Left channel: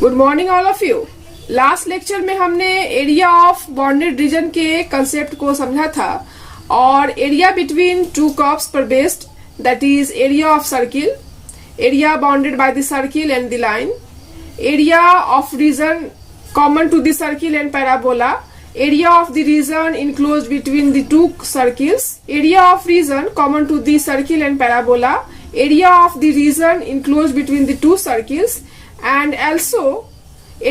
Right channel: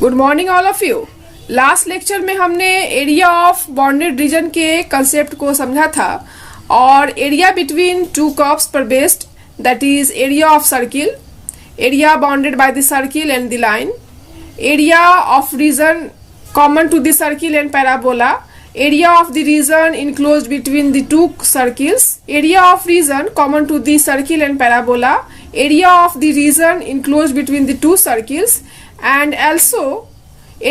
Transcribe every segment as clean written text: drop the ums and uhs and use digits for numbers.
Good morning all of you. Last lecture में हमने area of bounded region के concept को समझा था और एरिया बिटवीन टू कर्व्स पर based, that is area of circle, area bounded by the circle and the line, area of region common to the circle and parabola, area of the region enclosed between the two circles, area of region common to the circle and parabola, area of the region enclosed between the two circles, and also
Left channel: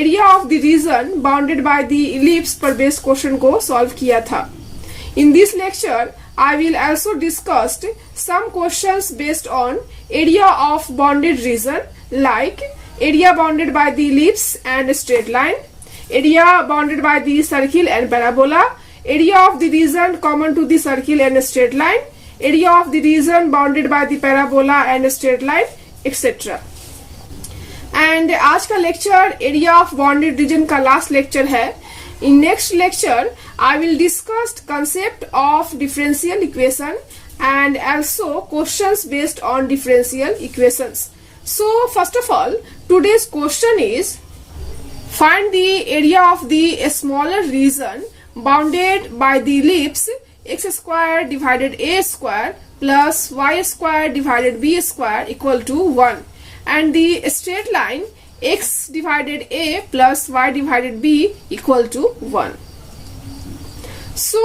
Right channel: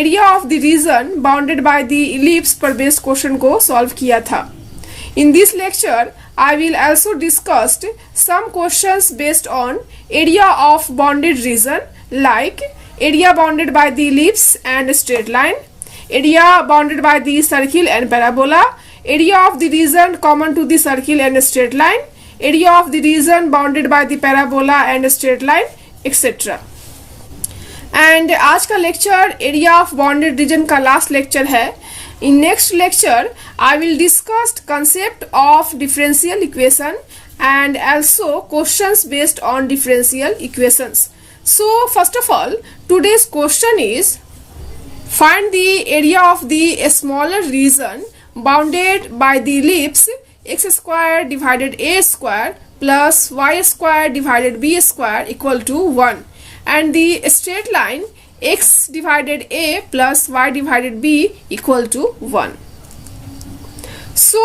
area of the region bounded by the ellipse पर based question को solve किया था। In this lecture, I will also discuss some questions based on area of bounded region like area bounded by the ellipse and straight line, area bounded by the circle and parabola, area of the region common to the circle and straight line, area of the region bounded by the parabola and straight line, etc. And आज का lecture area of bounded region का last lecture है। In next lecture I will discuss concept of differential equation and also questions based on differential equations. So first of all today's question is find the area of the smaller region bounded by the ellipse x square divided a square plus y square divided b square equal to 1 and the straight line x divided a plus y divided b equal to 1. So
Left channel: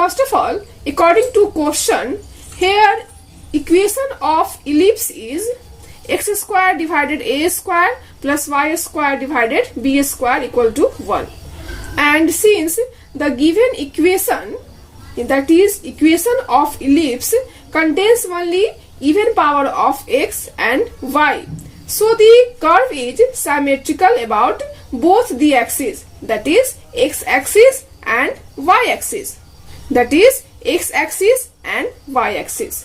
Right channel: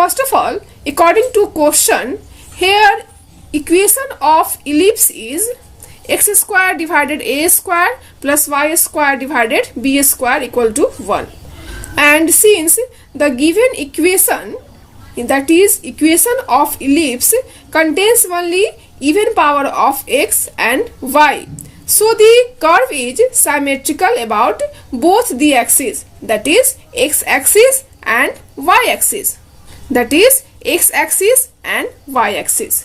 first of all, according to question, here equation of ellipse is x square divided a square plus y square divided b square equal to 1. And since the given equation, that is equation of ellipse, contains only even power of x and y, so the curve is symmetrical about both the axes, that is x axis and y axis, that is x axis and y axis.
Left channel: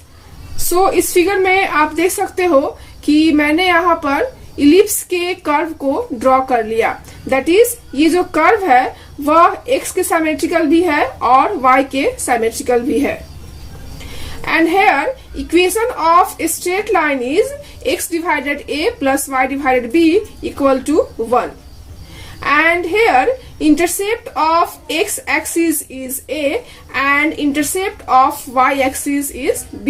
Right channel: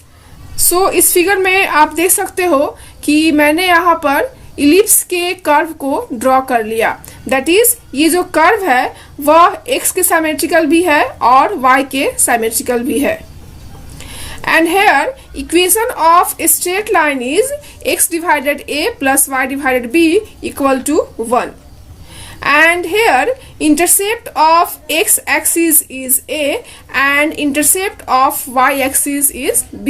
So इस figure में आप देख सकते हो कि मैंने यहाँ पर इलिप्स के कर्व को ड्रॉ कर लिया। दैट इज ये जो कर्व है वह x के सिमेट्रिकल भी है और y के सिमेट्रिकल भी है। And here equation of straight line is x divided a plus y divided b equal to 1। And here intercept of x axis is a and intercept of y axis is b.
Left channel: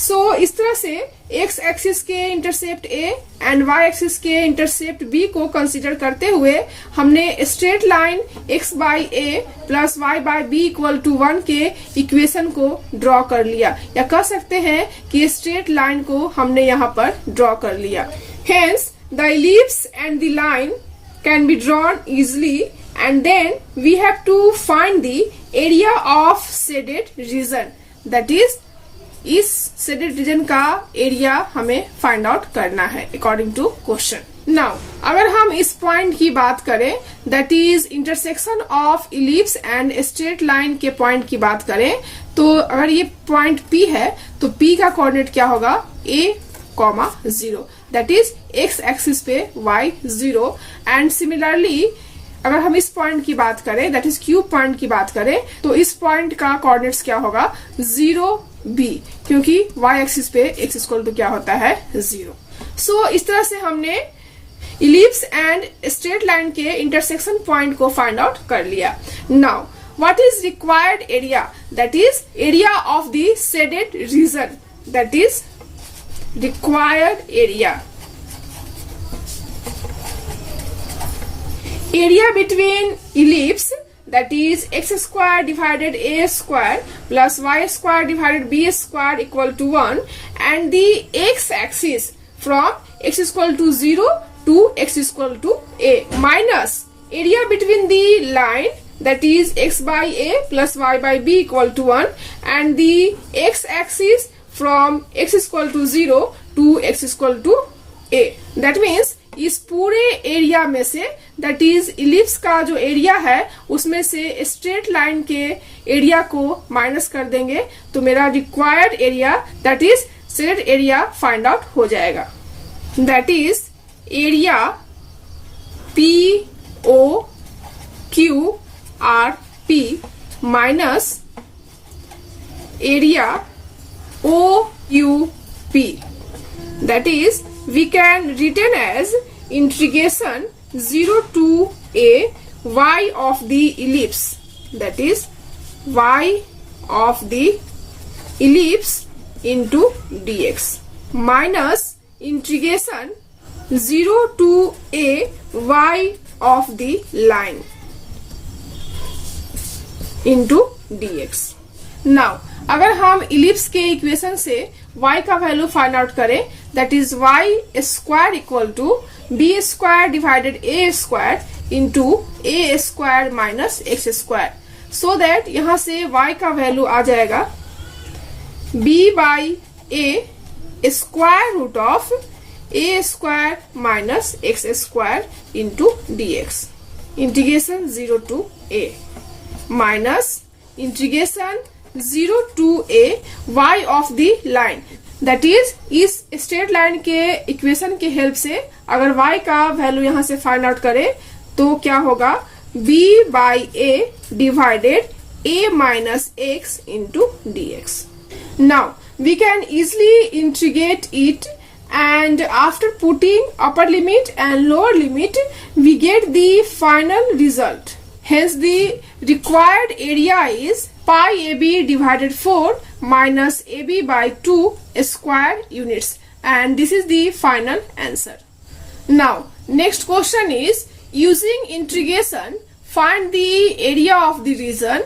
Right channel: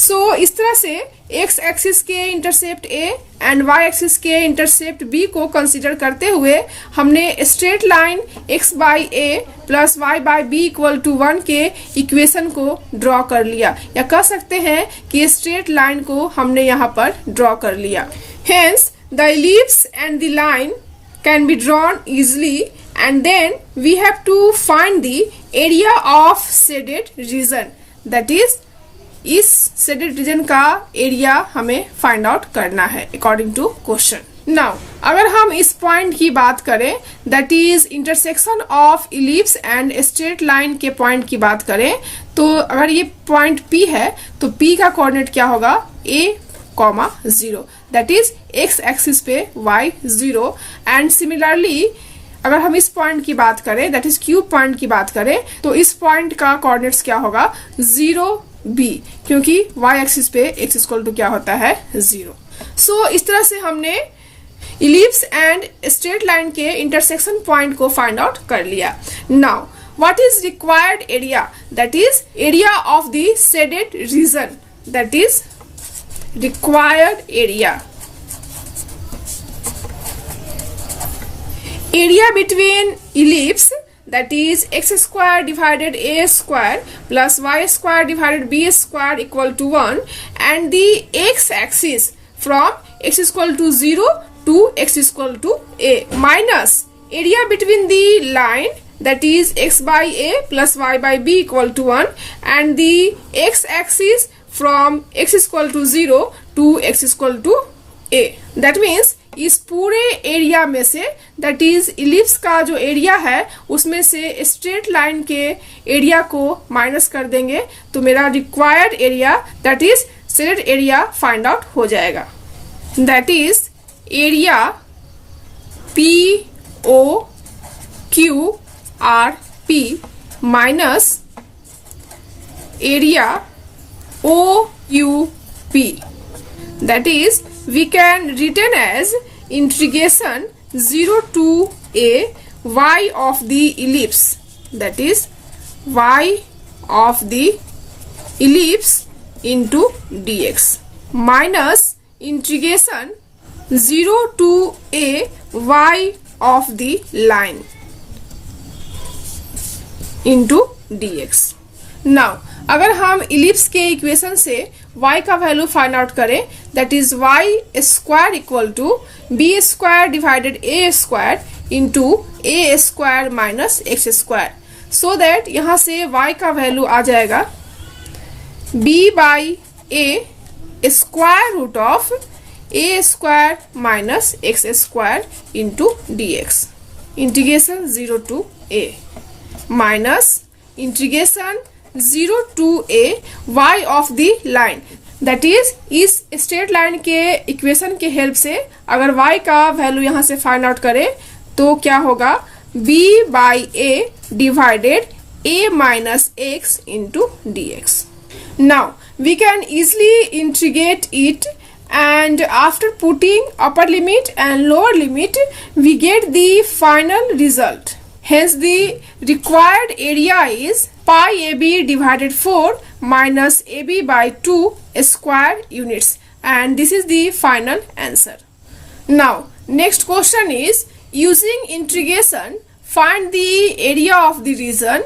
So इस तरह से x axis के intercept a and y axis के intercept b को consider करते हुए हमने straight line x by a plus y by b equal to 1 के इक्वेशन को ड्रॉ कर लिया, या कह सकते हैं कि स्ट्रेट लाइन को हमने यहाँ पर ड्रॉ कर लिया। Hence the ellipse and the line can be drawn easily and then we have to find the area of shaded region, that is इस शेडेड रीजन का एरिया हमें फाइंड आउट करना है अकॉर्डिंग टू क्वेश्चन। नाउ अगर हम इस point की बात करें, that is intersection of ellipse and straight line के पॉइंट की बात करें, तो अगर ये पॉइंट P है तो P का कोऑर्डिनेट क्या होगा, a,0, that is x axis पे y 0। एंड सिमिलरली अगर हम इस पॉइंट की बात करें, दैट इज Q पॉइंट की बात करें, तो इस पॉइंट का कोऑर्डिनेट्स क्या होगा, 0b, क्योंकि y एक्सिस पे x इक्वल टू क्या होता है, 0। सो इस तरह से हमने इलिप्स एंड स्ट्रेट लाइन के इंटरसेक्शन पॉइंट को फाइंड आउट कर लिया। Now what is required area, that is area of the shaded region, that is required area. Area between ellipse, that is x square divided a square plus y square divided b square equal to 1 and the x axis from x is equal to 0 to x is equal to a minus area between the line, that is x by a plus y by b equal to 1 and the x axis from x is equal to 0 to x is equal to a. That means इस पूरे area में से, that is ellipse का जो area है उसमें से straight line के एरिया को माइनस कर देंगे तो मेरा required area, that is shaded area, find out हो जाएगा। That is area POQRP minus area OUP, that is we can written as integration 0 to a y of the ellipse, that is y of the ellipse into dx, minus integration 0 to a y of the line into dx. Now अगर हम ellipse के equation से y का value find out करें, that is y square equal to b square divided a square into a square minus x square, so that यहां से y का value आ जाएगा b by a square root of a square minus x square into d x, integration 0 to a minus integration 0 to a y of the line, that is इस straight line के equation के help से अगर y का value यहां से find out करें तो क्या होगा b by a divided a minus x into d x. Now we can easily integrate it and after putting upper limit and lower limit we get the final result. Hence the required area is pi ab divided 4 minus ab by 2 square units, and this is the final answer. Now next question is, using integration find the area of the region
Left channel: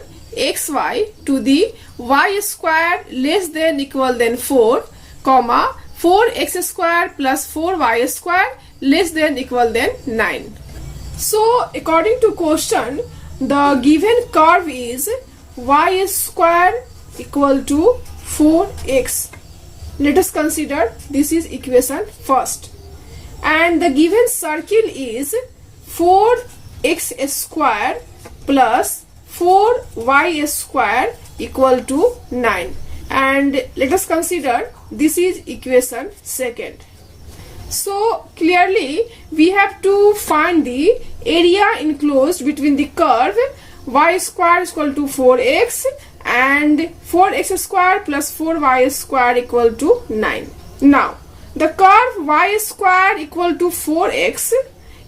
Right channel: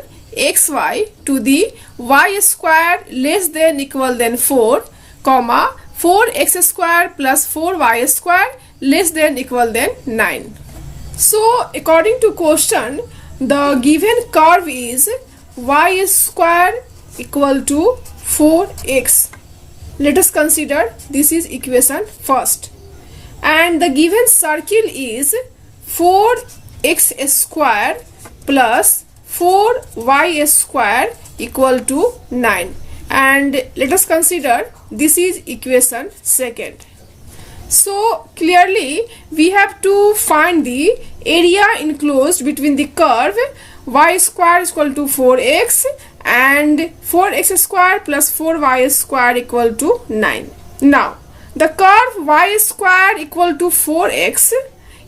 xy to the y square less than equal than 4 comma 4x square plus 4y square less than equal than 9. So according to question, the given curve is y square equal to 4x. Let us consider this is equation first, and the given circle is 4x square plus 4y square equal to 9, and let us consider this is equation second. So clearly we have to find the area enclosed between the curve y square is equal to 4x and 4x square plus 4y square equal to 9. Now the curve y square equal to 4x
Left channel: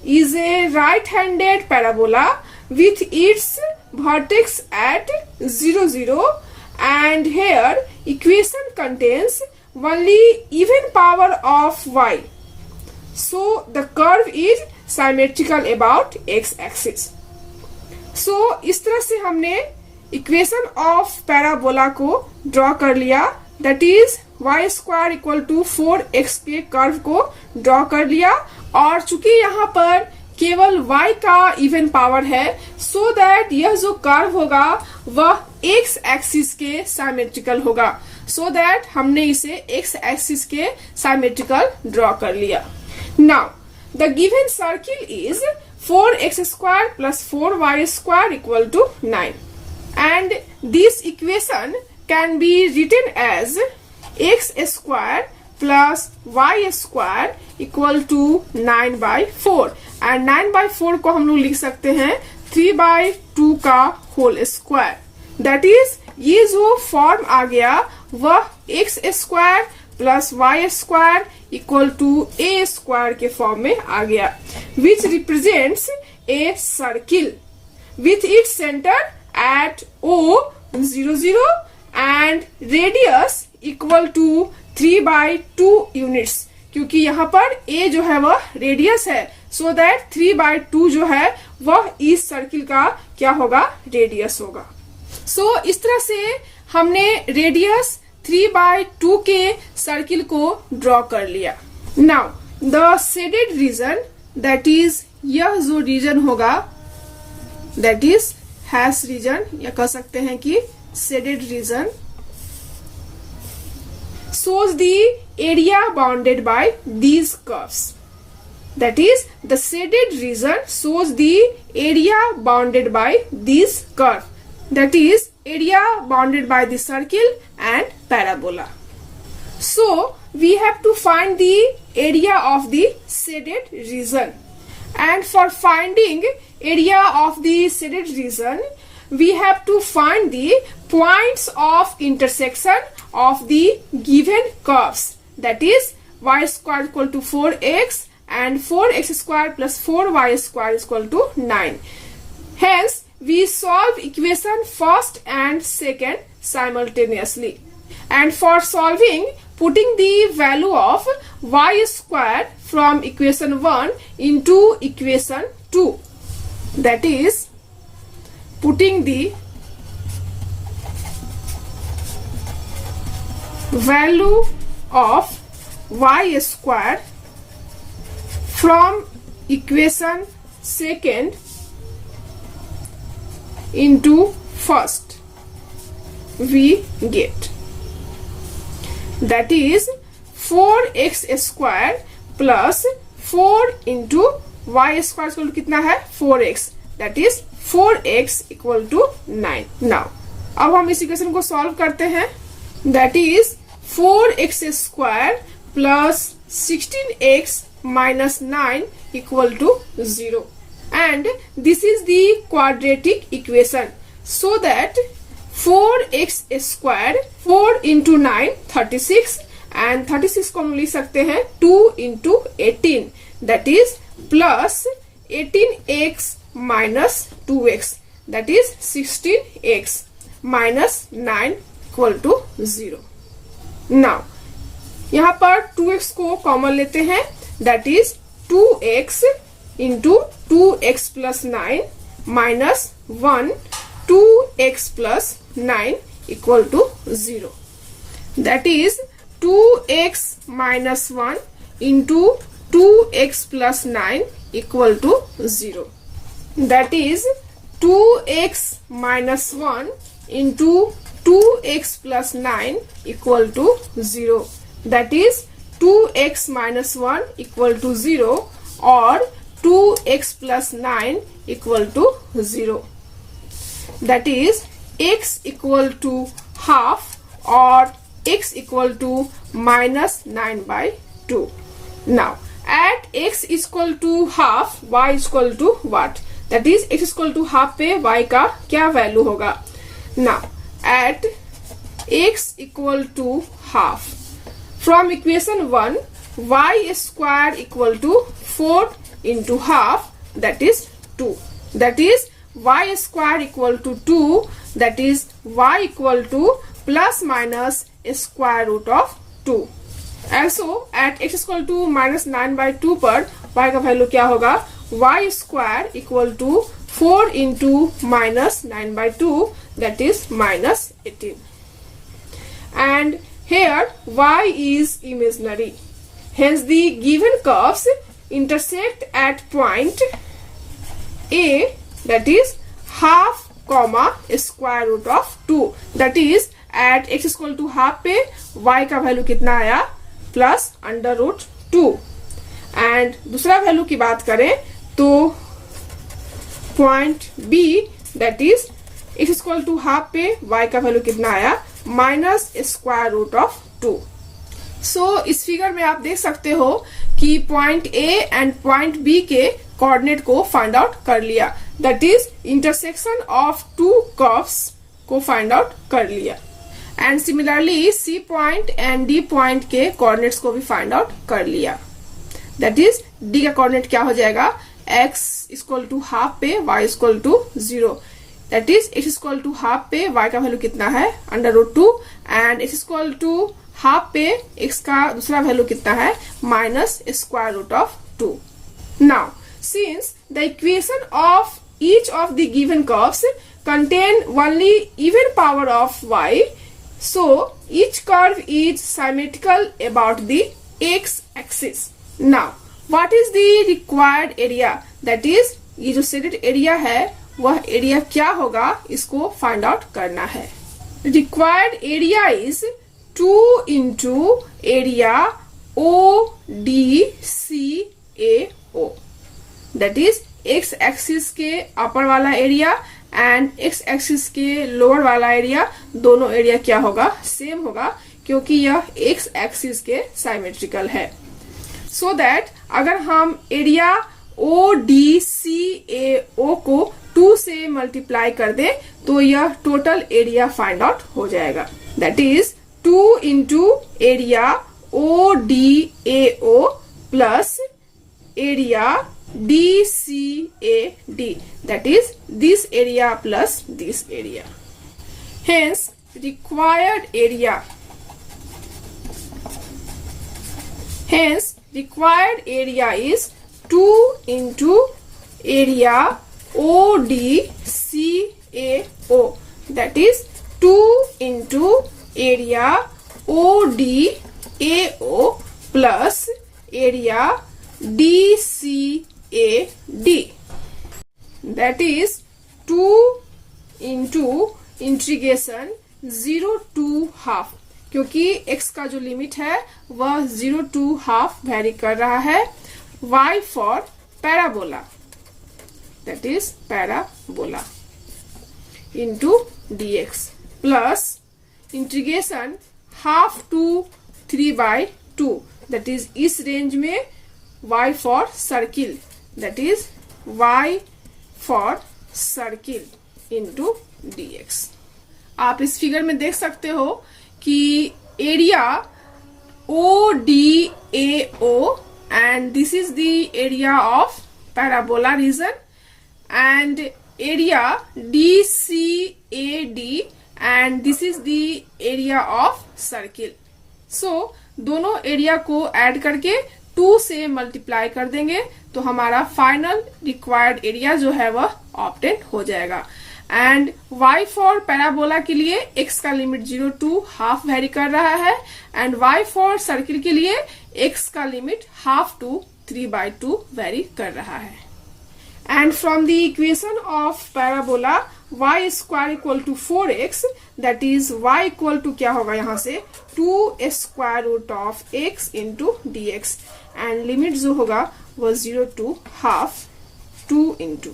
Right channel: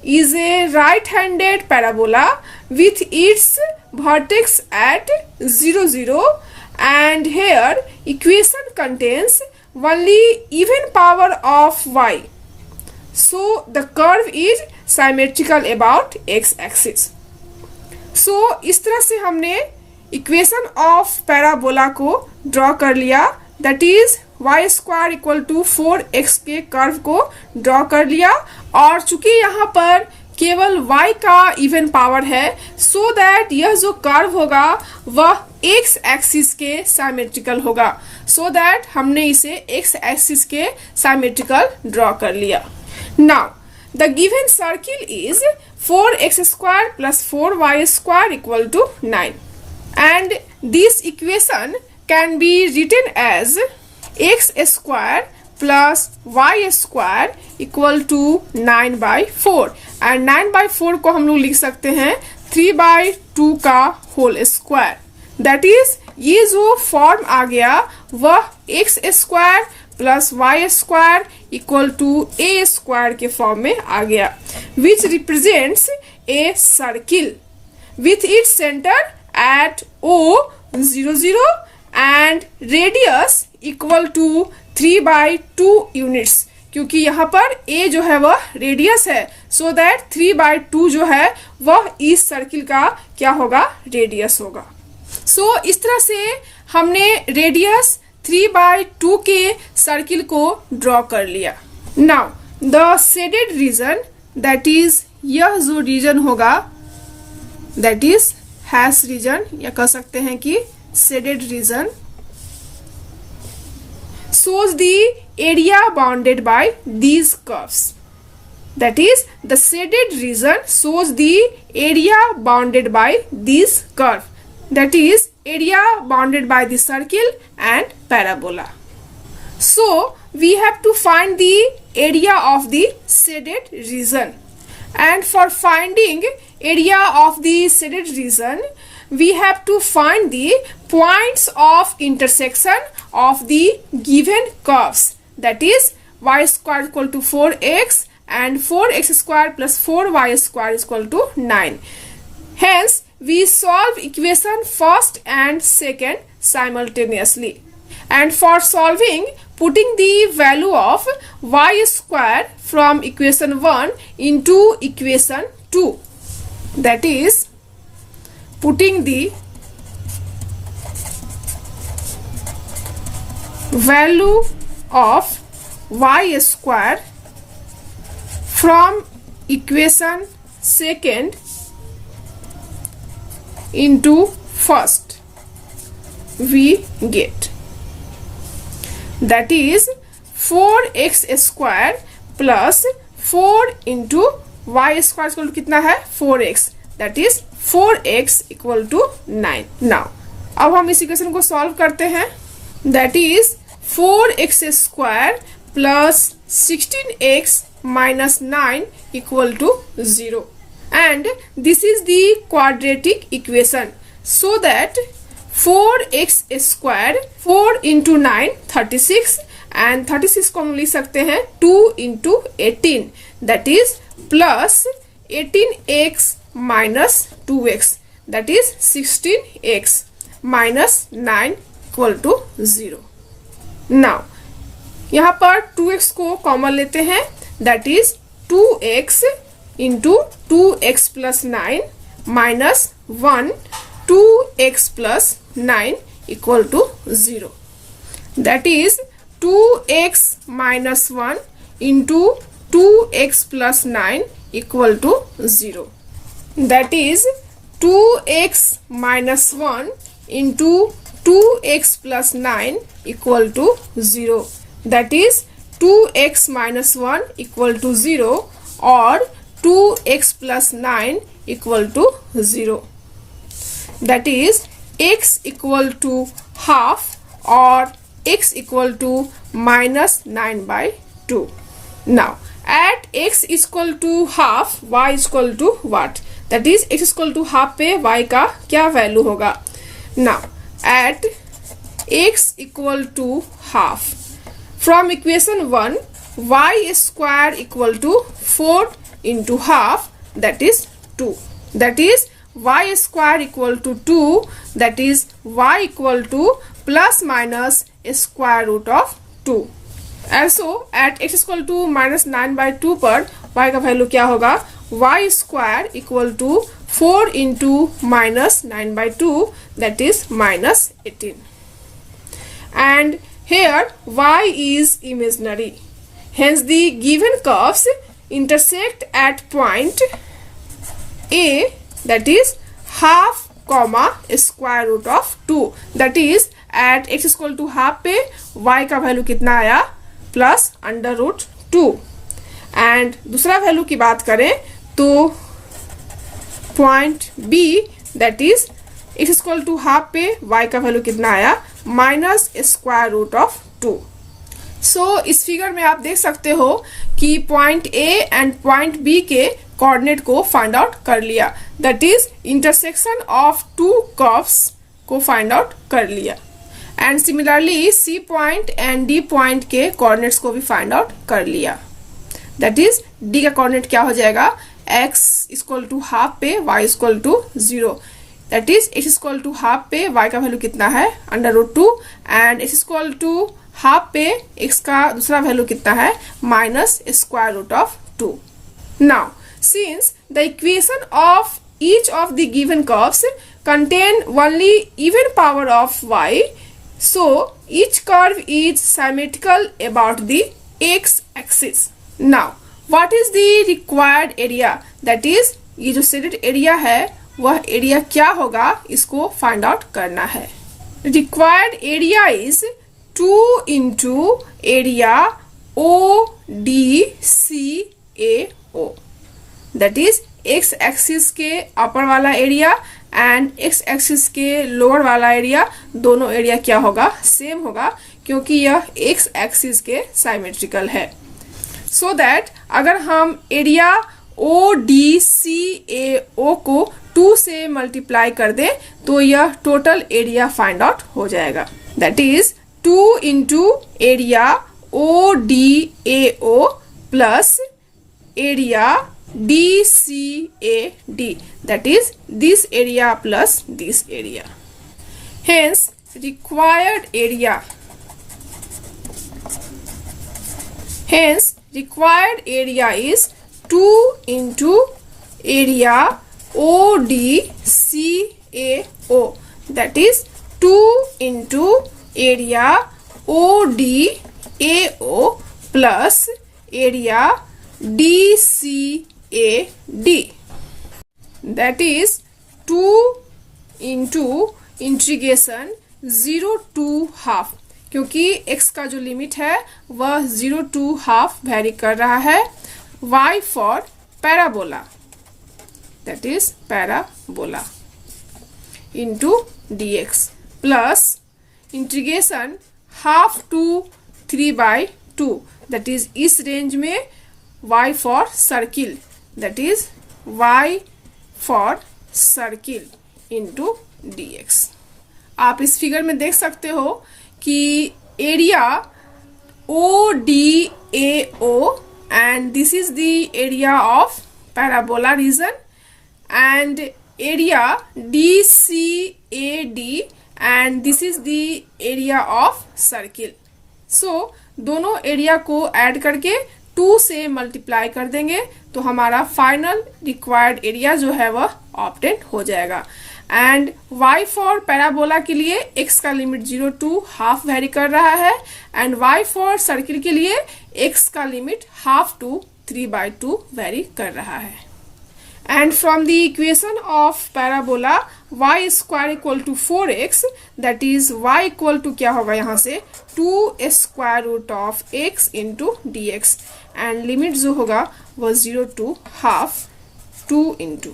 is a right-handed parabola with its vertex at 0 0, and here equation contains only even power of y, so the curve is symmetrical about x axis. So इस तरह से हमने equation of parabola को draw कर लिया, that is y square equal to 4x के curve को draw कर लिया, और चूंकि यहाँ पर केवल y का इवन पावर है, सो दैट यह जो कर्व होगा वह x एक्सिस के सिमेट्रिकल होगा, सो दैट हमने इसे x एक्सिस के सिमेट्रिकल ड्रॉ कर लिया. Now the given circle is 4x square plus 4y square equal to 9, and this equation can be written as x square plus y square equal to 9 by 4, and 9 by 4 को हम लोग लिख सकते हैं 3 by 2 का whole square, that is ये जो form आ गया वह x square plus y square equal to a square के फॉर्म में आ गया, which represents a circle with its centre at O 0 0 and radius equal to 3 by 2 units, क्योंकि यहाँ पर a जो है वह रेडियस है, सो दैट 3 by 2 जो है वह इस सर्किल का क्या होगा, रेडियस होगा. सो इस तरह से हमने रेडियस 3 by 2 के सर्किल को ड्रॉ कर लिया. Now the shaded region, that is यह जो रीजन होगा दैट इज हैश रीजन, या कह सकते हैं कि shaded region, shows the area bounded by these curves. That is, the shaded region shows the area bounded by this curve. That is, area bounded by the circle and parabola. So, we have to find the area of the shaded region. And for finding area of the shaded region, we have to find the points of intersection of the given curves, that is y square equal to 4x and 4x square plus 4y square is equal to 9. Hence, we solve equation first and second simultaneously. And for solving, putting the value of y square from equation 1 into equation 2. That is, putting the value of y square from equation second into first, we get, that is 4x square plus 4 into y square equal to कितना है 4x, that is 4x equal to 9. Now अब हम इस equation को solve करते हैं. That is 4x square plus 16x minus 9 equal to 0. And this is the quadratic equation. So that 4x square 4 into 9 36 and 36 को हम लिख सकते हैं 2 into 18, that is plus 18x minus 2x, that is 16x minus 9 equal to 0. Now यहाँ पर 2x को common लेते हैं, that is 2x into 2x plus 9 minus 1 2x plus 9 equal to 0. That is 2x minus 1 into 2x plus 9 equal to 0. That is 2x minus 1 into 2x plus 9 equal to 0. That is 2x minus 1 equal to 0 or 2x plus 9 equal to 0. That is x equal to half or x equal to minus 9 by 2. Now at x is equal to half, y is equal to what? That is x is equal to half पे y का क्या value होगा? Now at x equal to half, from equation 1 y square equal to 4 into half, that is 2. That is y square equal to 2, that is y equal to plus minus square root of 2. Also at x equal to minus 9 by 2 पर y का value क्या होगा? y square equal to 4 into minus 9 by 2, that is minus 18. And here y is imaginary. Hence the given curves intersect at point A, that is half comma square root of 2. That is at x is equal to half पे y का value कितना आया? Plus under root 2. And दूसरा value की बात करें तो point B, that is x is equal to half पे y का वैल्यू कितना आया? Minus square root of 2. So इस फिगर में आप देख सकते हो कि point A and point B के कोऑर्डिनेट को फाइंड आउट कर लिया, that is intersection of two curves को फाइंड आउट कर लिया. And similarly C point and D point के कोऑर्डिनेट्स को भी फाइंड आउट कर लिया. दैट इज D का कोऑर्डिनेट क्या हो जाएगा? x इक्वल टू हाफ पे y equal to 0. That is x equal to half पे y का वैल्यू कितना है? Under root 2. And x equal to half पे x का दूसरा वैल्यू कितना है? Minus square root of 2. Now since the equation of each of the given curves contain only even power of y, so each curve is symmetrical about the x axis. Now what is the required area? That is ये जो shaded area है वह area क्या होगा, इसको find out करना है. Required area is 2 into area ODCAO. That is x axis के अपर वाला एरिया एंड x एक्सिस के लोअर वाला एरिया, दोनों एरिया क्या होगा? सेम होगा, क्योंकि यह x एक्सिस के साइमेट्रिकल है. सो दैट अगर हम एरिया ODCAO को 2 से मल्टीप्लाई कर दें तो यह टोटल एरिया फाइंड आउट हो जाएगा. That is 2 into area ODAO plus area DCAD, that is this area plus this area. Hence required area is 2 into area ODCAO, that is 2 into area ODAO plus area DCAD, that is 2 into integration 0 to half, क्योंकि x का जो limit है वह 0 to half very कर रहा है. y for parabola, that is parabola into dx plus integration half to 3/2, that is इस range में y for circle, that is y for circle into dx. आप इस फिगर में देख सकते हो कि area ODAO and this is the area of parabola region and area DCAD and this is the area of circle. So दोनों area को add करके 2 से मल्टीप्लाई कर देंगे तो हमारा फाइनल रिक्वायर्ड एरिया जो है वह ऑब्टेन हो जाएगा. एंड y फॉर पैराबोला के लिए x का लिमिट 0 to हाफ वेरी कर रहा है एंड y फॉर सर्किल के लिए x का लिमिट हाफ टू 3/2 वेरी कर रहा है. And from the equation of parabola y square equal to 4x, that is y equal to क्या होगा यहाँ से 2 square root of x into dx and limit जो होगा वो 0 to half 2 into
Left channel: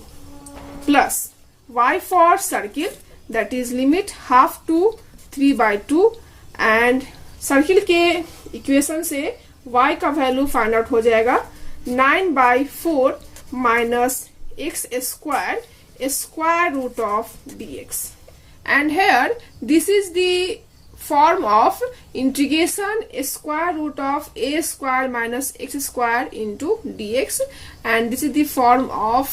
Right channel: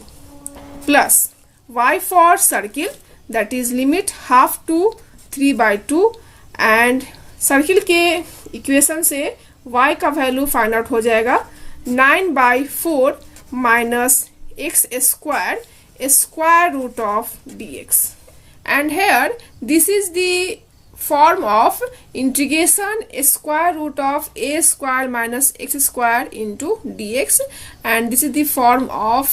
plus y for circle that is limit half to 3/2 and circle के equation से y का वैल्यू फाइंड आउट हो जाएगा 9/4 minus x square square root of dx and here this is the form of integration square root of a square minus x square into dx and this is the form of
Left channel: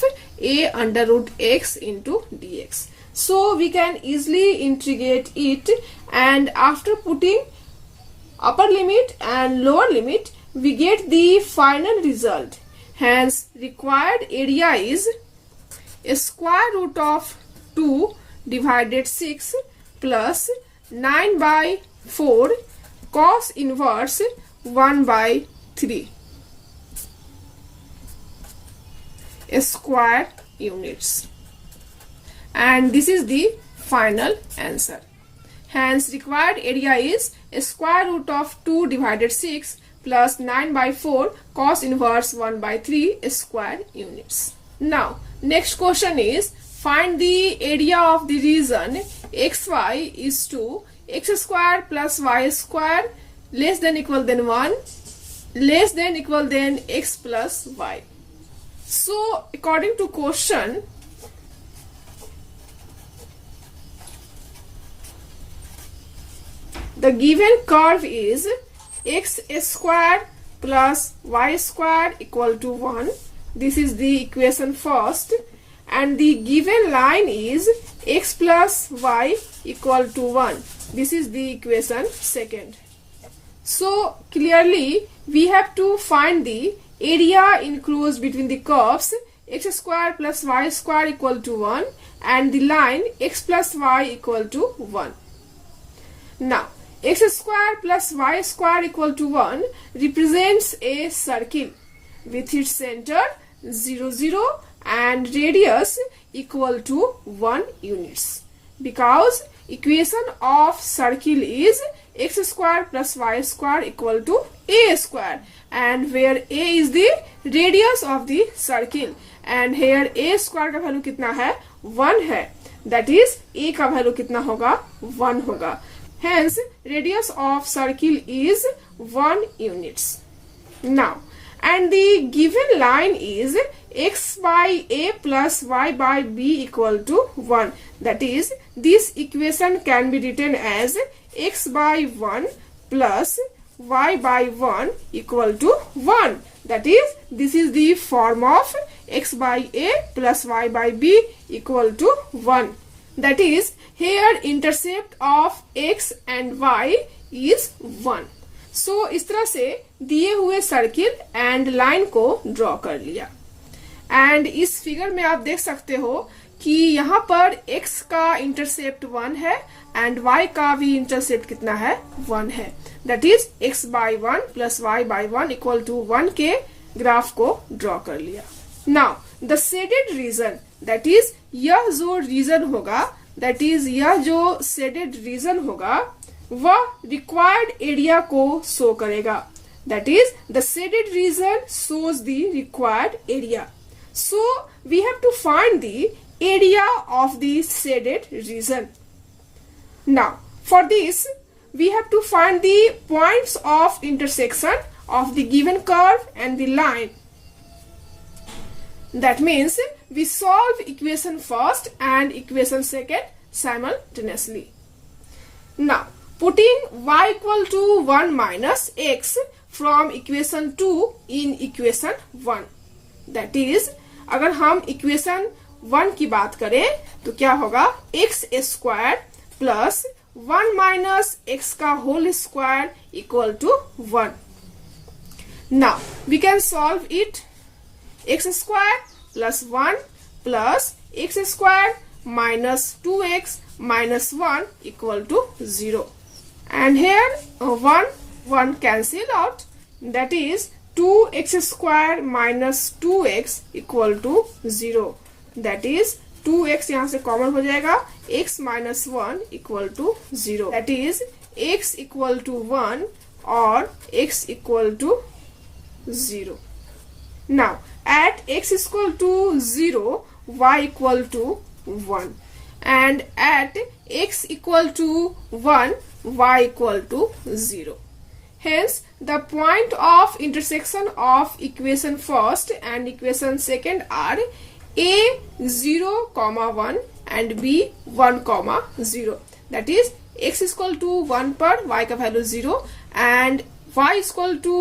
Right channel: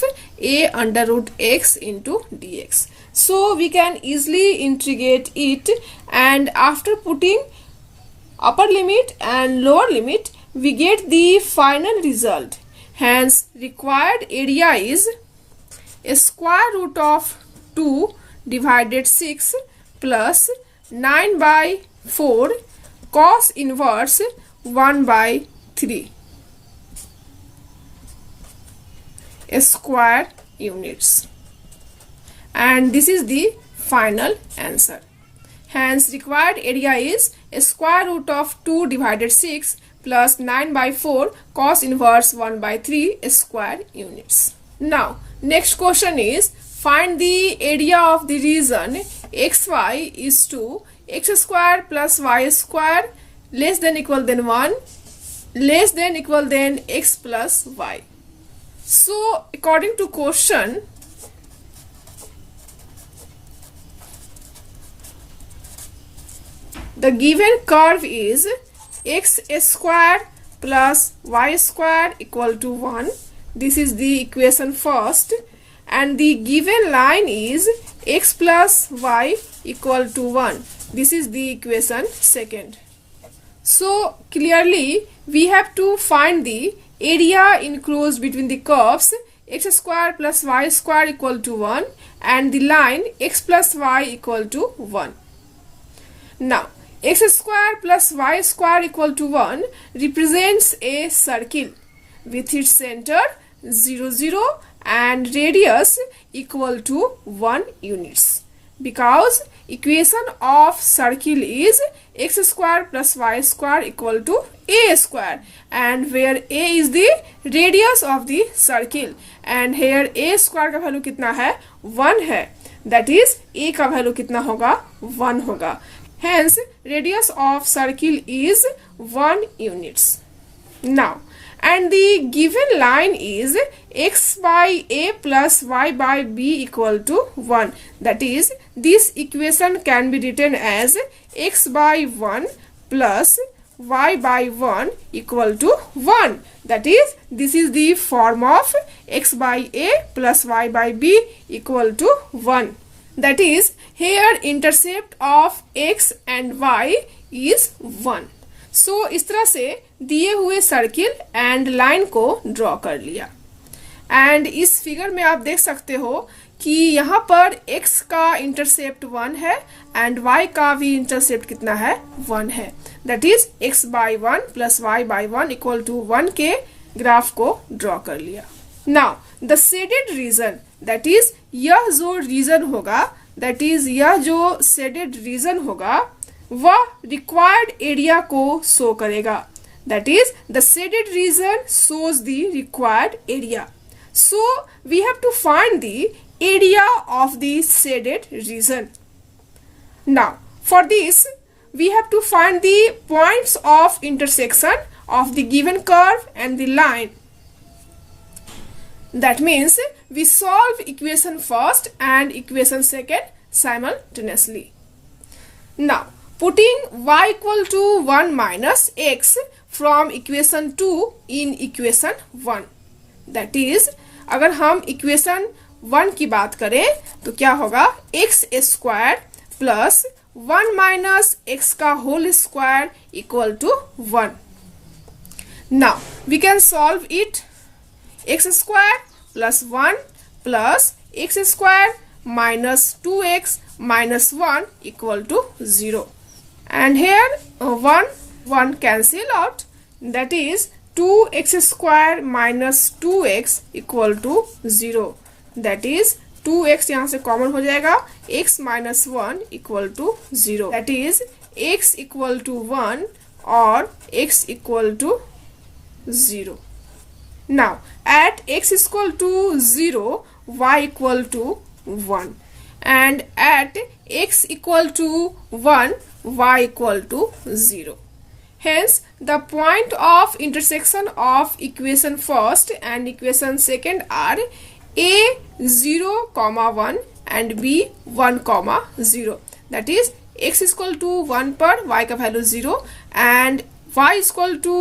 a under root x into dx. So we can easily integrate it and after putting upper limit and lower limit we get the final result. Hence required area is square root of 2 divided 6 plus 9/4 cos inverse 1/3 square units and this is the final answer. Hence required area is square root of 2 divided 6 plus 9/4 cos inverse 1/3 square units. Now next question is find the area of the region xy is to x square plus y square less than equal than 1 less than equal than x plus y. So according to question the given curve is x square plus y square equal to 1. This is the equation first and the given line is x plus y equal to 1. This is the equation second. So clearly we have to find the area enclosed between the curves x square plus y square equal to 1 and the line x plus y equal to 1. Now x square plus y square equal to 1 represents a circle with its center 0 0 and radius equal to 1 units because equation of circle is x square plus y square equal to a square and where a is the radius of the circle and here a square का value कितना है 1 है that is a का value कितना होगा 1 होगा. Hence radius of circle is 1 units. Now and the given line is x by a plus y by b equal to 1. That is this equation can be written as x by 1 plus y by 1 equal to 1. That is, this is the form of x by a plus y by b equal to 1. That is, here intercept of x and y is 1. So इस तरह से दिए हुए circle and line को draw कर लिया. And इस figure में आप देख सकते हो कि यहाँ पर x का इंटरसेप्ट 1 है एंड y का भी इंटरसेप्ट कितना है, 1 है. That is x by 1 plus y by 1 equal to 1 के ग्राफ को ड्रॉ कर लिया. Now the shaded region, that is यह जो रीजन होगा, दैट इज यह जो शेडेड रीजन होगा वह रिक्वायर्ड एरिया को शो करेगा. That is the shaded reason shows the required area. So we have to find the area of the shaded region. Now for this we have to find the points of intersection of the given curve and the line. That means we solve equation first and equation second simultaneously. Now putting y equal to 1 minus x from equation 2 in equation 1. That is, अगर हम equation 1 की बात करें तो क्या होगा, x square plus 1 minus x का whole square equal to 1. Now we can solve it. X square plus 1 plus x square minus 2x minus 1 equal to 0. And here 1 cancel out. That is 2x square minus 2x equal to 0. That is 2x यहाँ से common हो जाएगा, x minus 1 equal to 0. That is x equal to 1 or x equal to 0. Now at x equal to 0, y equal to 1, and at x equal to 1, y equal to 0. Hence, the point of intersection of equation first and equation second are a 0, 1 and b 1, 0. That is, x is equal to 1 पर y का value 0 and y is equal to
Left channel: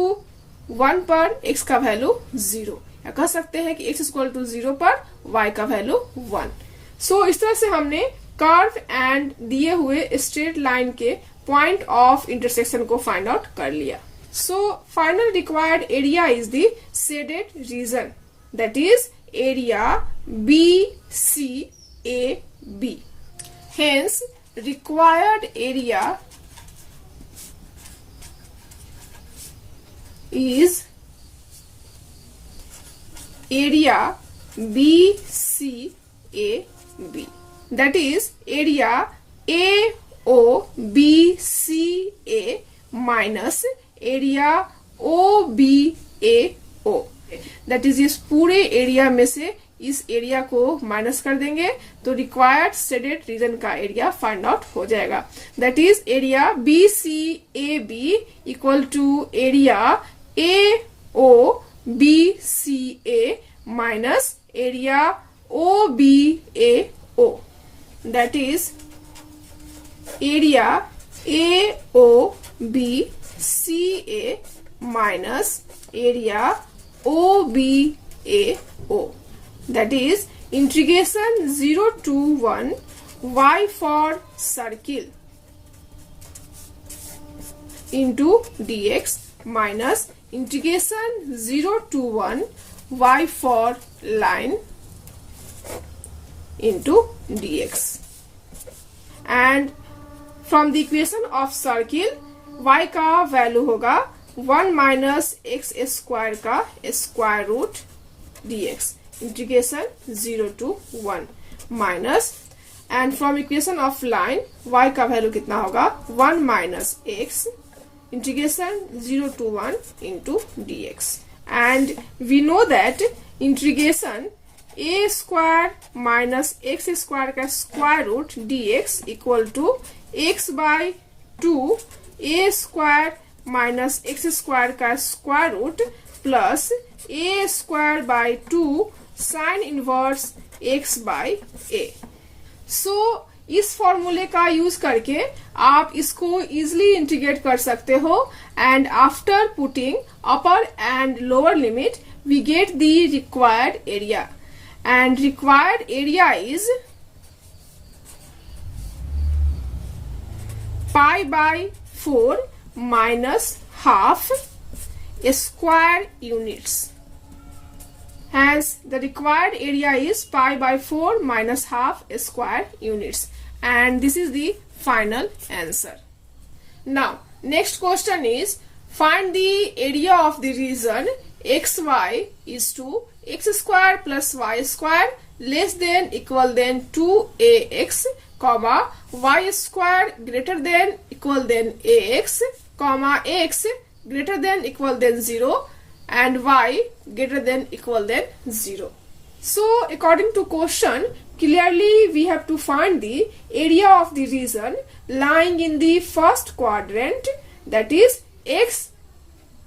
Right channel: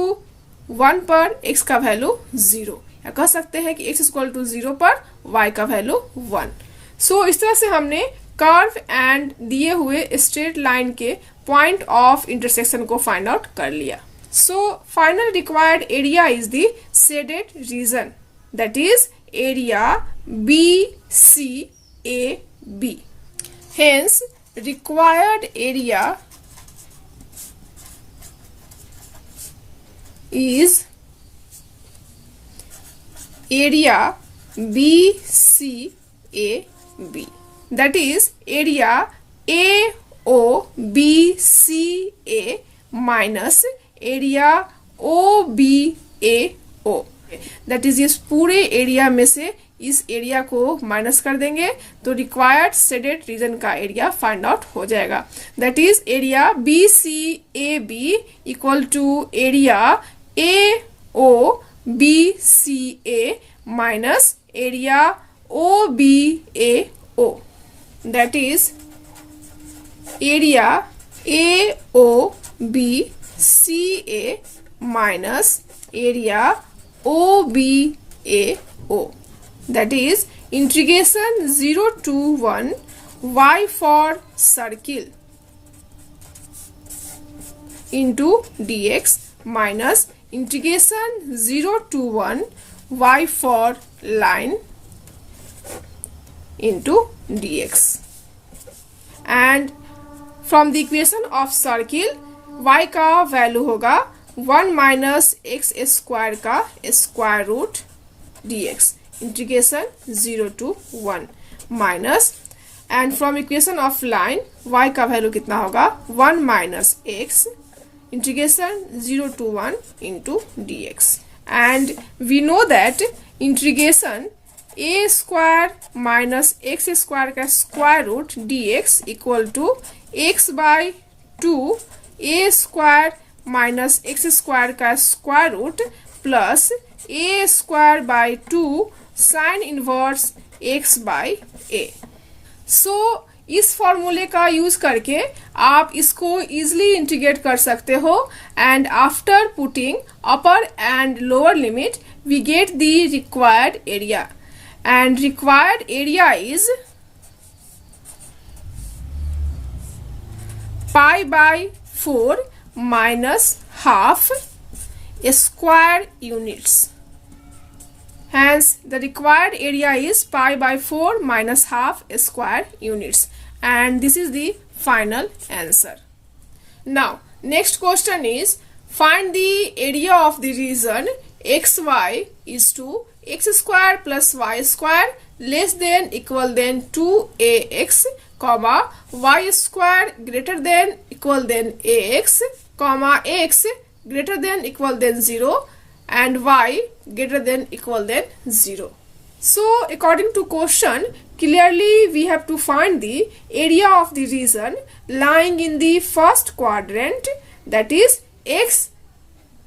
1 पर x का value 0. या कह सकते हैं कि x is equal to 0 पर y का वैल्यू 1. So, इस तरह से हमने कर्व एंड दिए हुए स्ट्रेट लाइन के पॉइंट ऑफ इंटरसेक्शन को फाइंड आउट कर लिया. So final required area is the shaded region. That is area BCAB. Hence required area is area BCAB. That is area AOBCA minus area OBAO. That is इस पूरे area में से इस area को minus कर देंगे तो रिक्वायर्ड शेडेड रीजन का एरिया फाइंड आउट हो जाएगा. That is area BCAB equal to area AOBCA minus area OBAO. That is area AOBCA minus area OBAO. That is integration 0 to 1 y for circle into dx minus integration 0 to 1 y for line into dx. And from the equation of circle y का value होगा 1 minus x square का square root dx integration 0 to 1 minus and from equation of line y का value कितना होगा 1 minus x integration 0 to 1 into dx. And we know that integration a square minus x square का square root dx equal to x by 2 a square minus x square का square root plus a square by 2 sine inverse x by a. So इस फॉर्मूले का use करके आप इसको easily integrate कर सकते हो and after putting upper and lower limit we get the required area and required area is pi by 4 minus half square units. Hence, the required area is pi by 4 minus half square units. And this is the final answer. Now, next question is, find the area of the region xy is to x square plus y square less than equal than 2ax comma y square greater than equal than ax comma x greater than equal than 0 and y greater than equal than 0. So according to question, clearly we have to find the area of the region lying in the first quadrant, that is x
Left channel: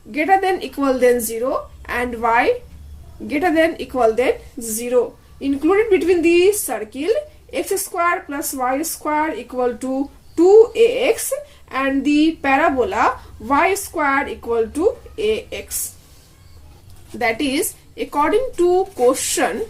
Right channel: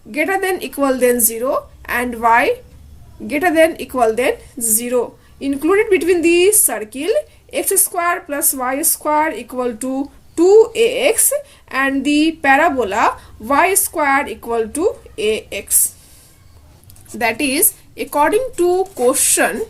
greater than equal than 0 and y greater than equal than 0, included between the circle x square plus y square equal to 2ax and the parabola y square equal to ax. That is, according to question.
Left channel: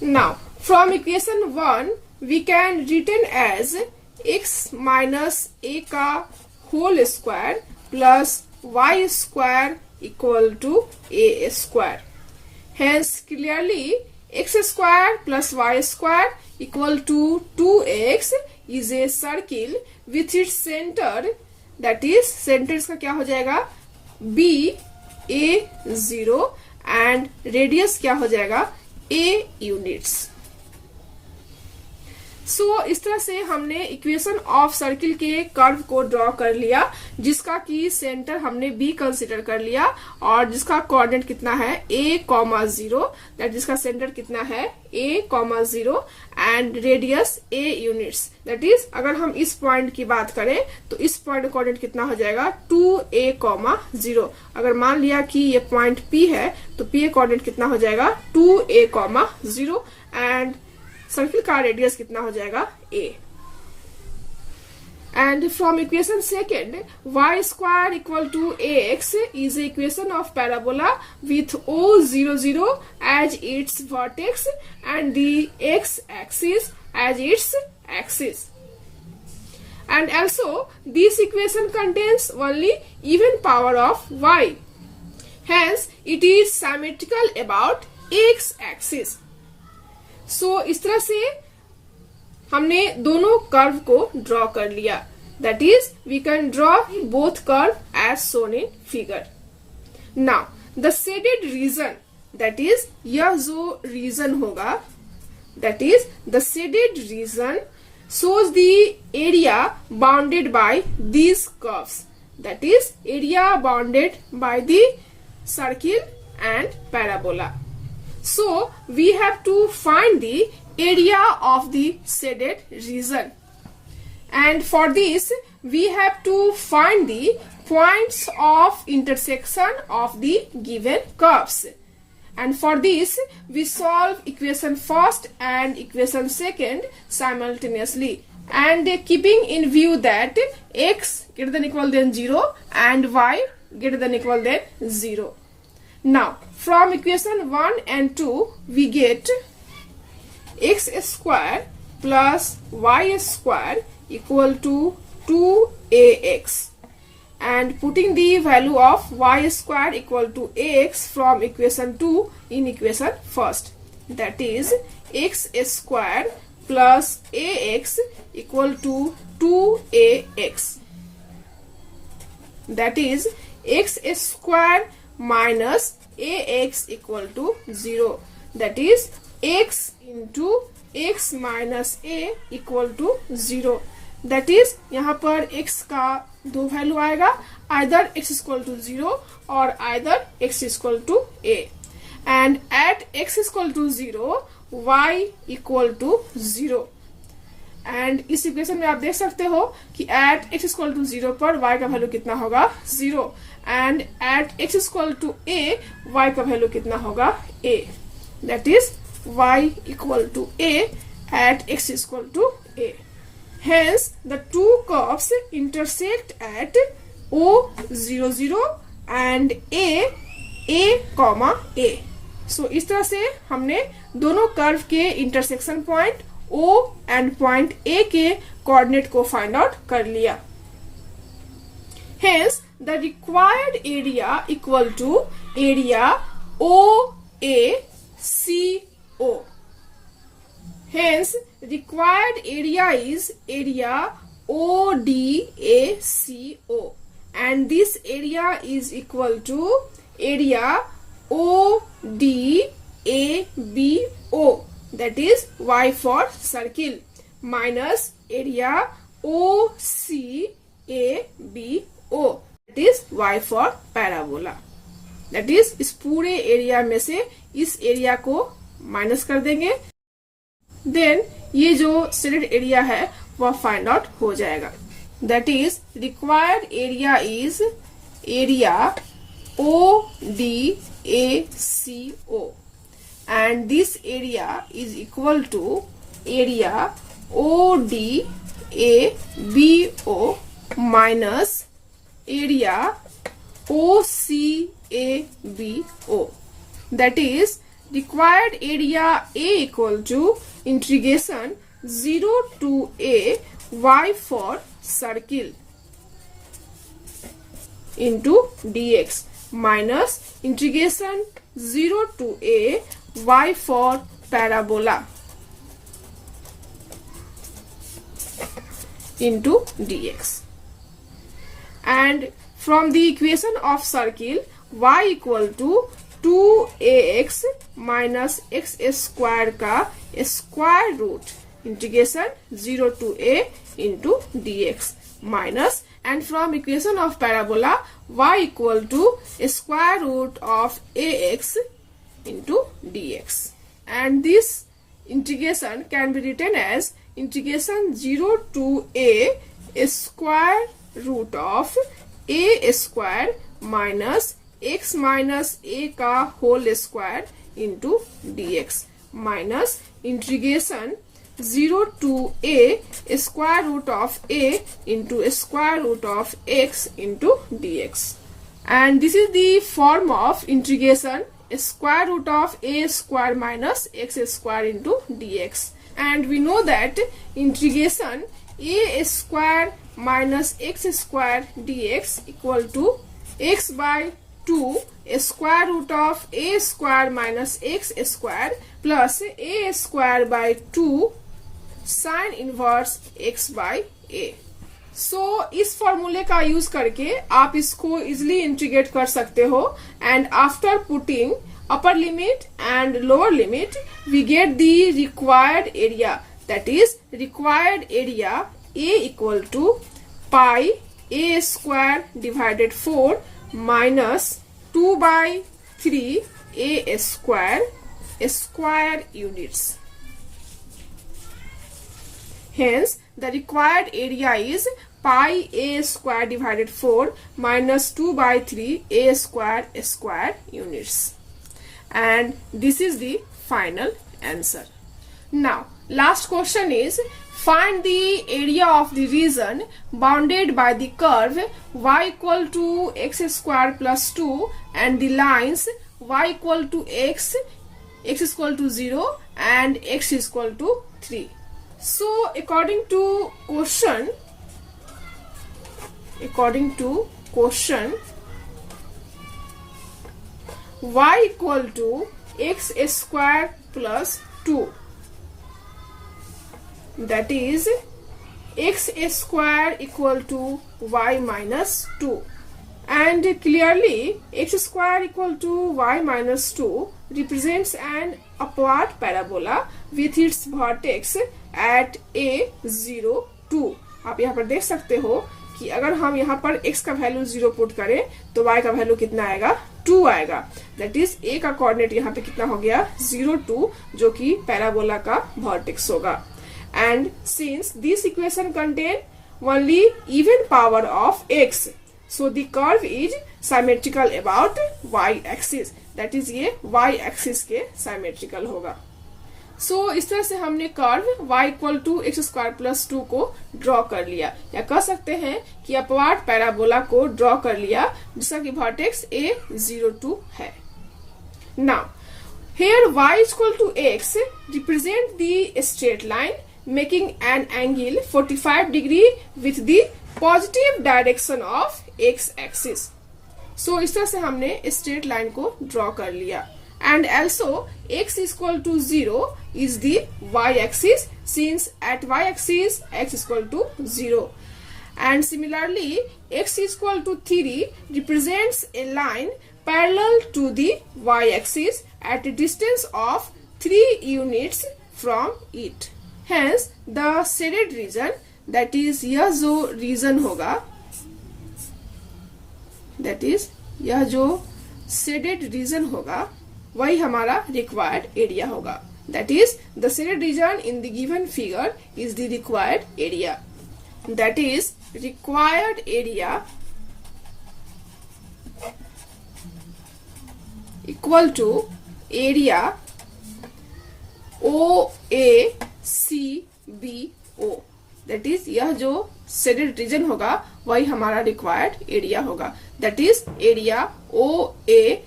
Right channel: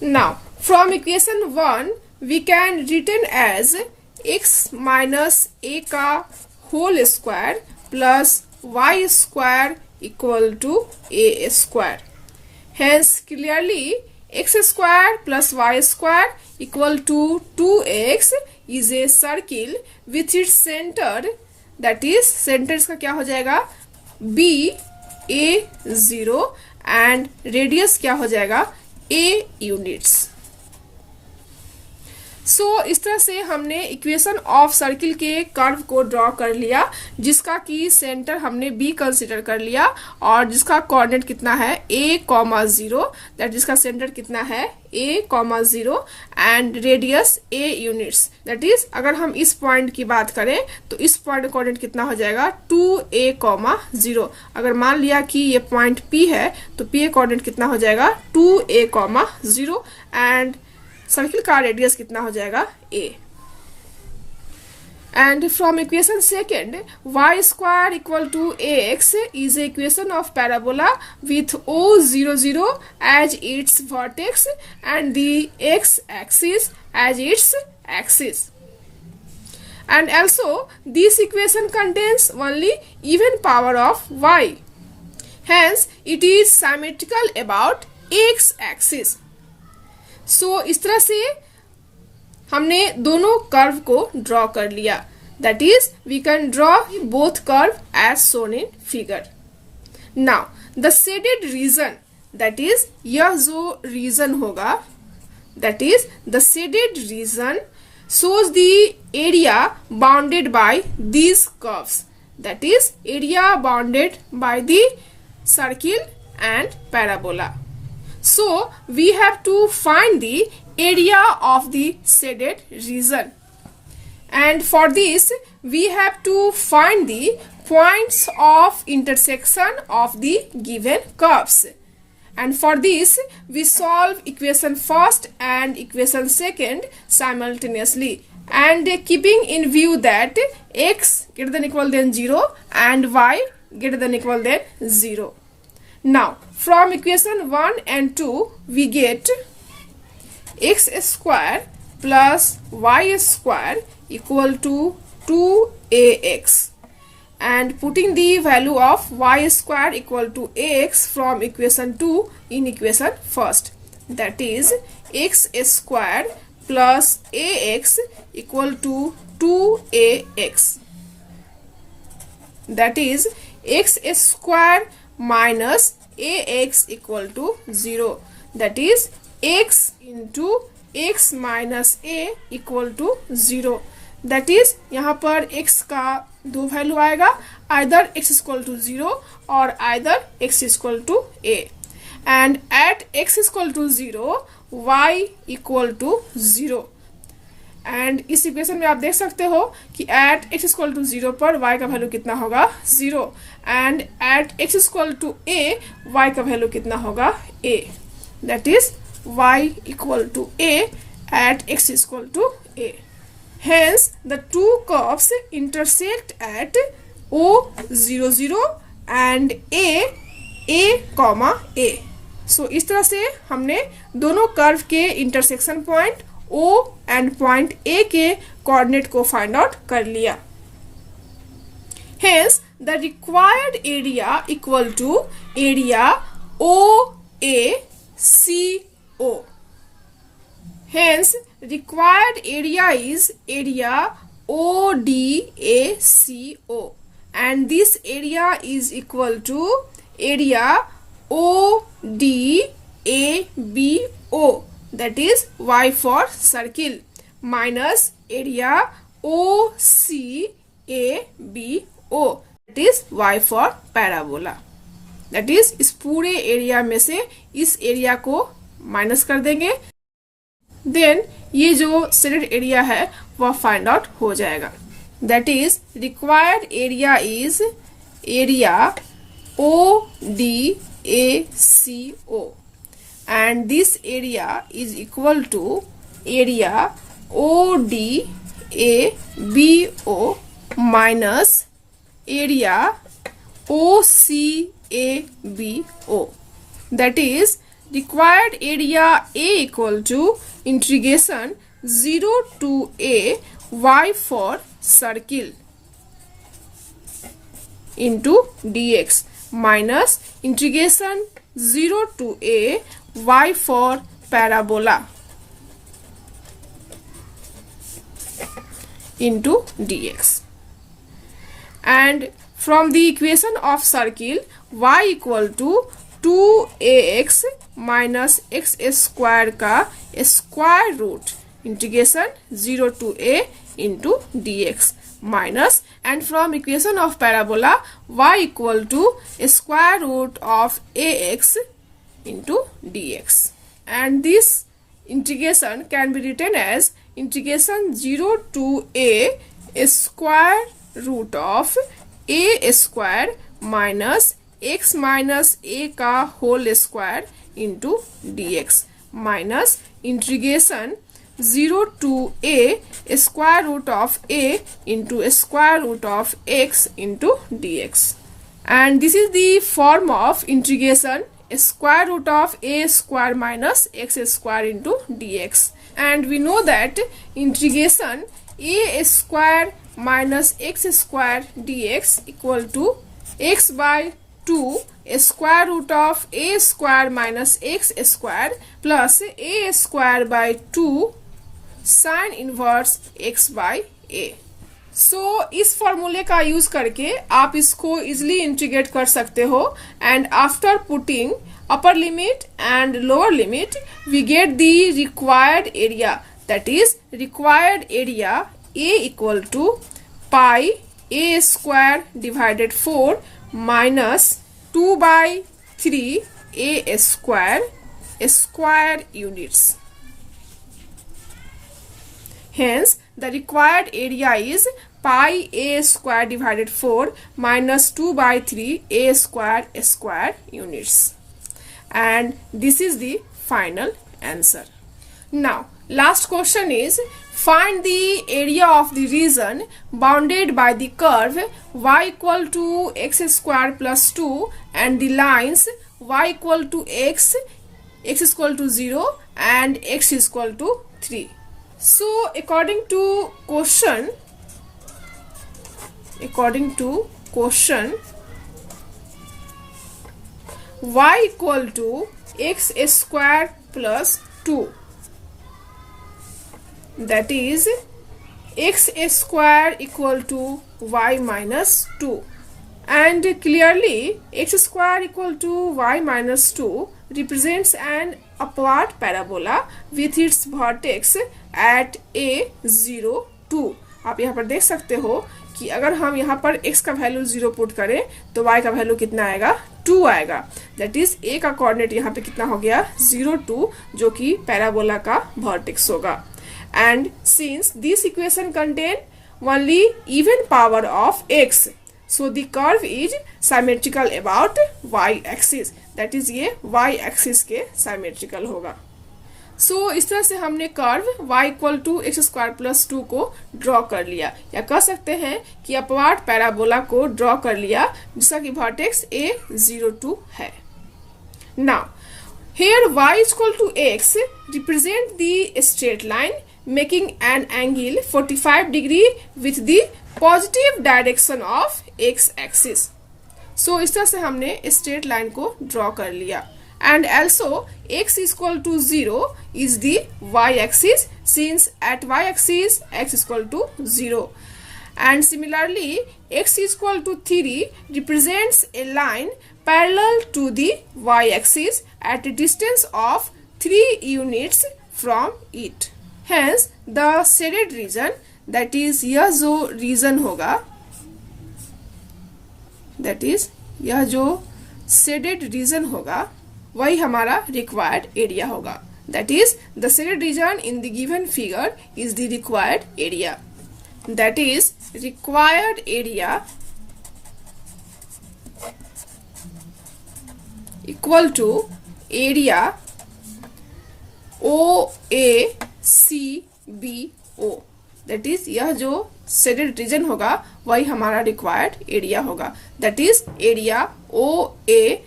Now, from equation 1, we can written as x minus a का whole square plus y square equal to a square. Hence, clearly, x square plus y square equal to 2x is a circle with its center, that is center इसका क्या हो जाएगा b a0 and radius क्या हो जाएगा a units. सो इस तरह से हमने इक्वेशन ऑफ सर्किल के कर्व को ड्रॉ कर लिया, जिसका की सेंटर हमने बी कंसीडर कर लिया और जिसका कोऑर्डिनेट कितना है a, 0, दैट जिसका सेंटर कितना है a, 0 and radius a units. That is अगर हम इस पॉइंट की बात करें तो इस पॉइंट कोऑर्डिनेट कितना हो जाएगा 2a, 0. अगर मान लिया कि ये पॉइंट P है तो P कोऑर्डिनेट कितना हो जाएगा 2a, 0 एंड सर्किल का रेडियस कितना हो जाएगा a. And from equation second y square equal to ax is equation of parabola with o0 0 as its vertex and the x axis as its axis. And also this equation contains only even power of y. Hence it is symmetrical about x axis. सो इस तरह से हमने दोनों curve को draw कर लिया. That is we can draw both curve as shown in figure. Now the shaded region, that is यह जो रीजन होगा, that is the shaded region shows the area bounded by these curves, that is area bounded by the circle and parabola. So we have to find the area of the shaded region, and for this we have to find the points of intersection of the given curves. And for this we solve equation first and equation second simultaneously, and keeping in view that x greater than equal than 0 and y greater than equal than 0. Now from equation 1 and 2 we get x square plus y square equal to 2ax, and putting the value of y square equal to ax from equation 2 in equation first, that is x square plus ax equal to 2ax, that is x square minus ax equal to 0, that is x into x minus a equal to 0. That is यहाँ पर x का दो value आएगा, either x equal to 0 और either x equal to a, and at x equal to 0 y equal to 0. And इस equation में आप देख सकते हो कि एट x इक्वल टू 0 पर y का वैल्यू कितना होगा 0, and at x equal to a y का वैल्यू कितना होगा a. That is y equal to a at x is equal to a. Hence, the two curves intersect at O00 and A, comma A. So, इस तरह से हमने दोनों curve के intersection point O and point A के coordinate को find out कर लिया. Hence, the required area equal to area OACO. Hence, required area is area ODACO, and this area is equal to area ODABO, that is Y for circle, minus area OCABO, that is Y for parabola. That is इस पूरे area में से इस area को minus कर देंगे, then ये जो सेलेक्ट एरिया है वह फाइंड आउट हो जाएगा. That is required area is area ODACO and this area is equal to area ODABO minus area OCABO. That is required area A equal to integration 0 to A y for circle into dx minus integration 0 to A y for parabola into dx. And from the equation of circle y equal to 2ax minus x square का square root integration 0 to a into dx minus, and from equation of parabola y equal to square root of ax into dx, and this integration can be written as integration 0 to a square root of a square minus x minus a का whole square into dx minus integration 0 to a square root of a into square root of x into dx. And this is the form of integration square root of a square minus x square into dx. And we know that integration a square minus x square dx equal to x by 2 square root of a square minus x square plus a square by 2 sin inverse x by a. So इस फॉर्मूले का use करके आप इसको easily integrate कर सकते हो, and after putting upper limit and lower limit we get the required area. That is required area a equal to pi a square divided 4 minus 2 by 3 a square units. Hence, the required area is pi a square divided 4 minus 2 by 3 a square units. And this is the final answer. Now, last question is find the area of the region bounded by the curve y equal to x square plus 2 and the lines y equal to x is equal to 0 and x is equal to 3. So according to question y equal to x square plus 2, that is x square equal to y minus 2, and clearly x square equal to y minus 2 represents an upward parabola with its vertex at a02. आप यहाँ पर देख सकते हो कि अगर हम यहाँ पर x का वैल्यू 0 पुट करें तो y का वैल्यू कितना आएगा, 2 आएगा. दैट इज a का कोऑर्डिनेट यहाँ पे कितना हो गया, 0 2, जो कि पैराबोला का वर्टेक्स होगा. And since this equation contain only even power of x, so the curve is symmetrical about y axis. That is ये y axis के symmetrical होगा. सो इस तरह से हमने curve y equal to x square plus 2 को draw कर लिया, या कह सकते हैं कि अपवार्ड पैराबोला को ड्रॉ कर लिया जिसका कि वर्टेक्स a02 है। Now here y is equal to x represent the straight line making an angle 45 degree with the positive direction of x axis। so इस तरह से हमने straight line को ड्रॉ कर लिया, and also x is equal to 0 is the y axis since at y axis x is equal to 0, and similarly x is equal to 3 represents a line parallel to the y axis at a distance of 3 units from it। hence the shaded region, that is यह जो region होगा, that is यह जो shaded region होगा वही हमारा required area होगा। that is the shaded region in the given figure is the required area, that is required area equal to area OACBO, that is यह जो shaded region होगा वही हमारा required area होगा, that is area OACBO,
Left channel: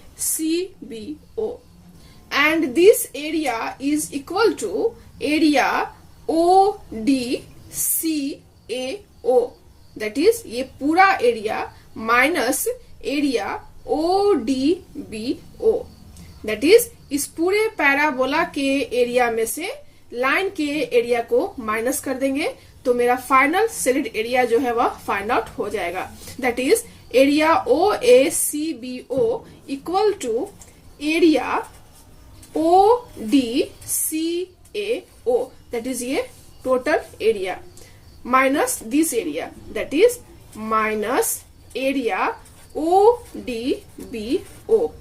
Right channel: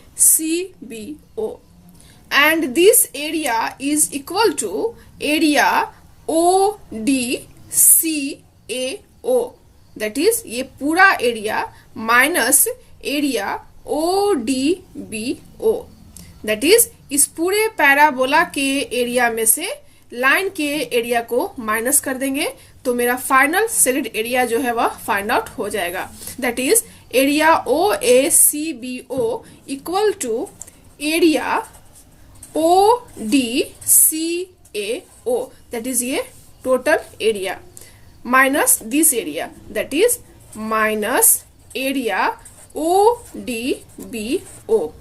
and this area is equal to area ODCAO, that is ये पूरा area minus area ODBO, that is इस पूरे पैराबोला के एरिया में से लाइन के एरिया को माइनस कर देंगे तो मेरा फाइनल शेडेड एरिया जो है वह फाइंड आउट हो जाएगा। that is area OACBO equal to area ODCAO, that is ये total area minus this area, that is minus area ODBO,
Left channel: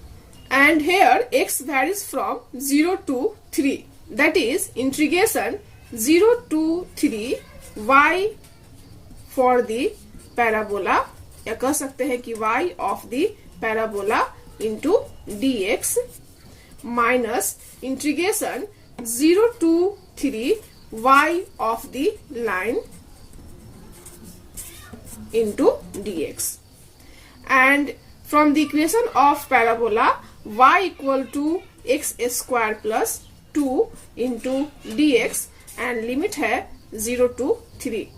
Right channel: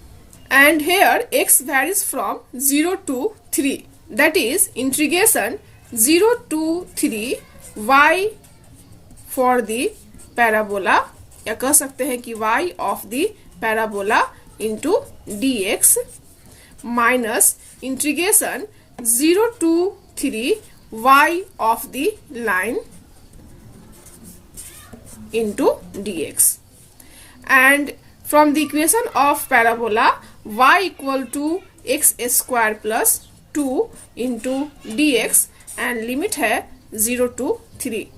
and here x varies from 0 to 3, that is integration 0 to 3 y for the parabola, या कह सकते हैं कि y of the parabola into dx minus integration 0 to 3 y of the line into dx, and from the equation of parabola y equal to x square plus 2 into dx and limit है 0 to 3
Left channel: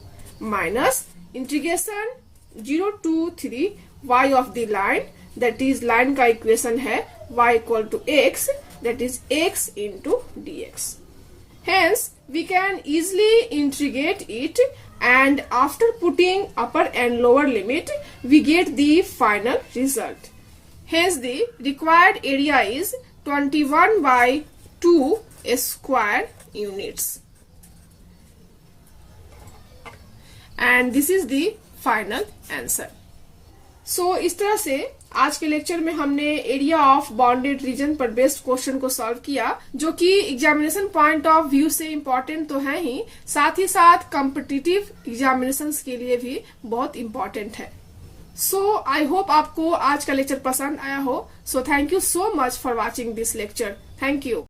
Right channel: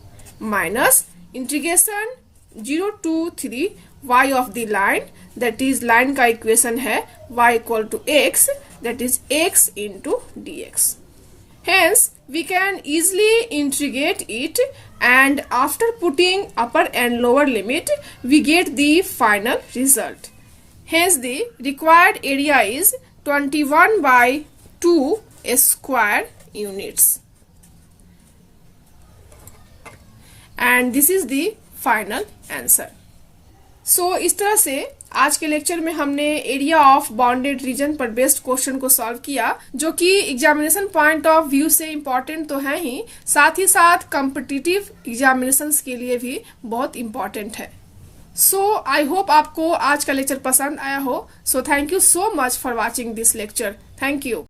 minus integration 0 to 3 y of the line, that is line का equation है y equal to x, that is x into dx। hence we can easily integrate it, and after putting upper and lower limit we get the final result। hence the required area is 21 by 2 square units, and this is the final answer। so इस तरह से आज के lecture में हमने area of bounded reason पर based question को solve किया, जो कि एग्जामिनेशन पॉइंट ऑफ व्यू से इम्पोर्टेंट तो है ही साथ कॉम्पिटिटिव एग्जामिनेशंस के लिए भी बहुत इम्पोर्टेंट है। सो आई होप आपको आज का लेक्चर पसंद आया हो। So thank you so much for watching this lecture. Thank you.